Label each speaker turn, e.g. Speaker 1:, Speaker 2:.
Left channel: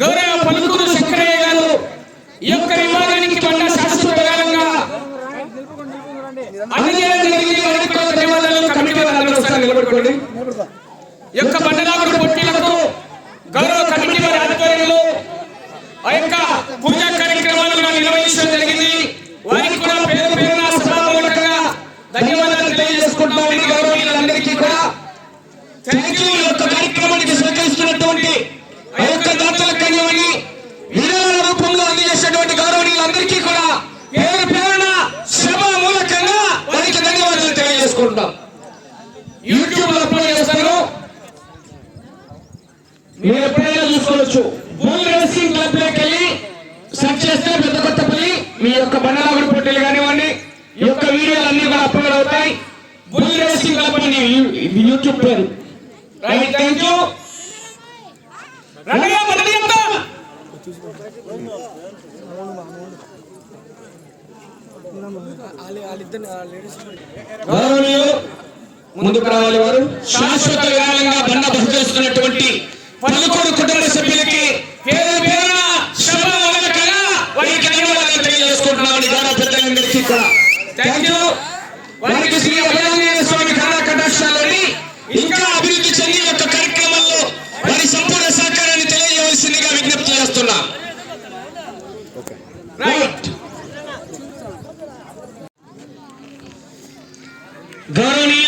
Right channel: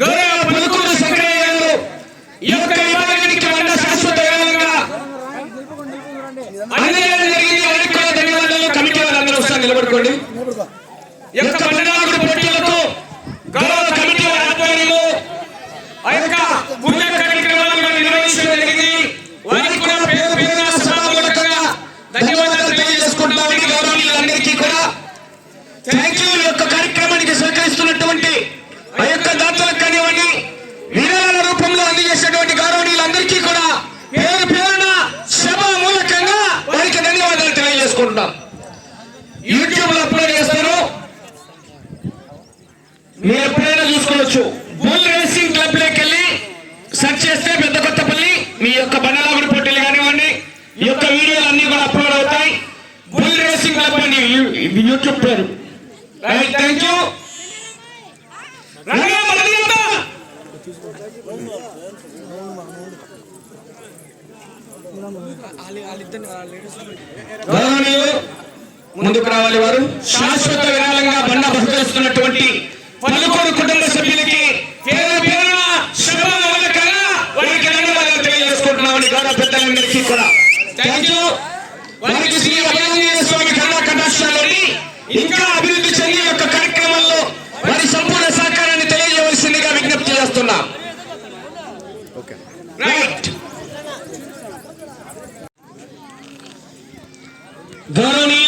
Speaker 1: గౌరవ పలుకులు శంకరయ్య గారు ఈ యొక్క విభాగానికి బండ శాశ్వతంగా అందజేయడం జరిగింది. వైదిక ధన్యవాదాలు. కమిటీ వారందరూ ఒకసారి నిలబడుకోండి. ఈ యొక్క బండరాముడు పోటీలకు గౌరవ కమిటీ వారి ఆధ్వర్యంలో ఆ యొక్క పూజ కార్యక్రమాలు కూడా నిర్వహించడం జరిగింది. వారికి కూడా పేరు పేరున సభామూలకంగా ధన్యవాదాలు కూడా. థ్యాంక్ యూ యొక్క చేసుకుంటున్నారు యూట్యూబ్లో అప్లోడ్ చేస్తారు మీరు ఎప్పుడైనా చూసుకోవచ్చు. బుల్ రేసింగ్ క్లబ్లోకి వెళ్ళి సెర్చ్ చేస్తే పెద్ద కొత్తపల్లి మీ యొక్క బండలాగుడి పోటీలు కానివ్వండి ఈ యొక్క వీడియోలు అన్ని కూడా అప్లోడ్ అవుతాయి. బుల్ రేసింగ్ క్లబ్ అని యూట్యూబ్ పేరు. Thank you. ముందుకు రావాలి వారు. శాశ్వత విరాళంగా బండ బహుకరిస్తున్నటువంటి పలుకుడు కుటుంబ సభ్యులకి తెలియజేసుకుంటున్నామని గౌరవ పెద్దలందరికీ కూడా. థ్యాంక్ యూ వారికి శ్రీ అభయాంజనేయ స్వామి కళా ఇంకా అభివృద్ధి చెంది యొక్క కార్యక్రమంలో వారి సంపూర్ణ సహకారాన్ని తెలియజేయవలసిందిగా విజ్ఞప్తి చేస్తున్నాం. రైట్ ಗೌರವನೀಯ